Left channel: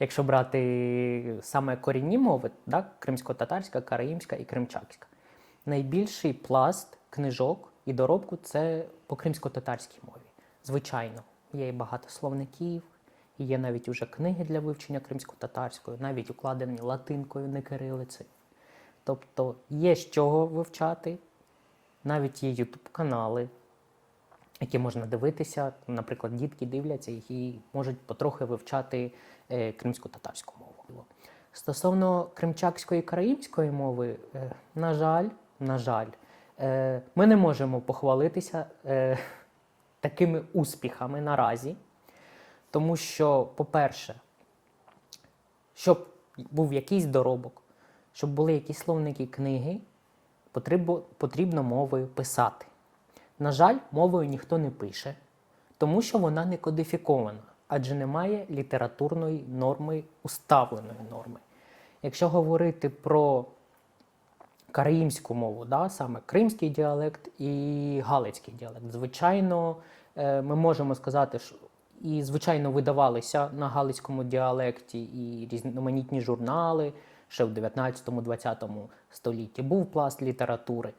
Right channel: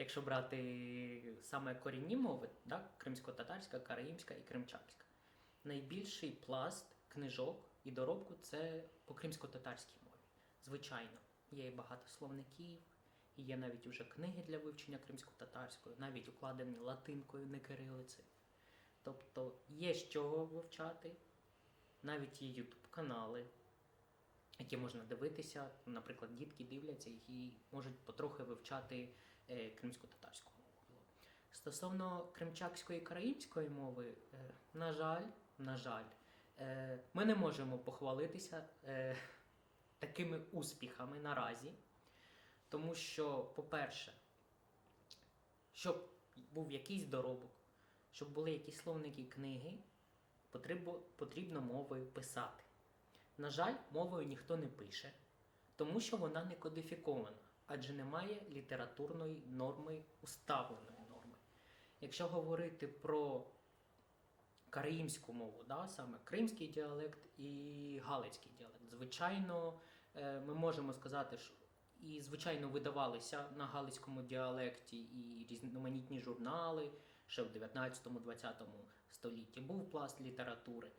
якщо брати саме корінні мови, да, кримсько-татарська, караїмська і кримчакська, найбільший пласт книжок і доробку – це по кримсько-татарській мові. Звичайно, є і багато словників, і є навіть уже книги для вивчення кримсько-татарської, навіть укладені латинкою, не кирилицею. Тобто є з чого вивчати, навіть є ютуб-канали, які можна дивитися, наприклад, дітки дивляться і можуть потрохи вивчати кримсько-татарську мову. Стосовно кримчакської і караїмської мови, на жаль, ми не можемо похвалитися такими успіхами наразі, тому що, по-перше, щоб був якийсь доробок, щоб були якісь словники, книги, потрібно мовою писати. На жаль, мовою ніхто не пише, тому що вона не кодифікована, адже немає літературної норми, уставленої норми. Якщо говорити про караїмську мову, да, саме кримський діалект і галицький діалект, звичайно, ми можемо сказати, що і, звичайно, видавалися на галицькому діалекті і різноманітні журнали ще в 19-20 столітті. Був пласт літератури.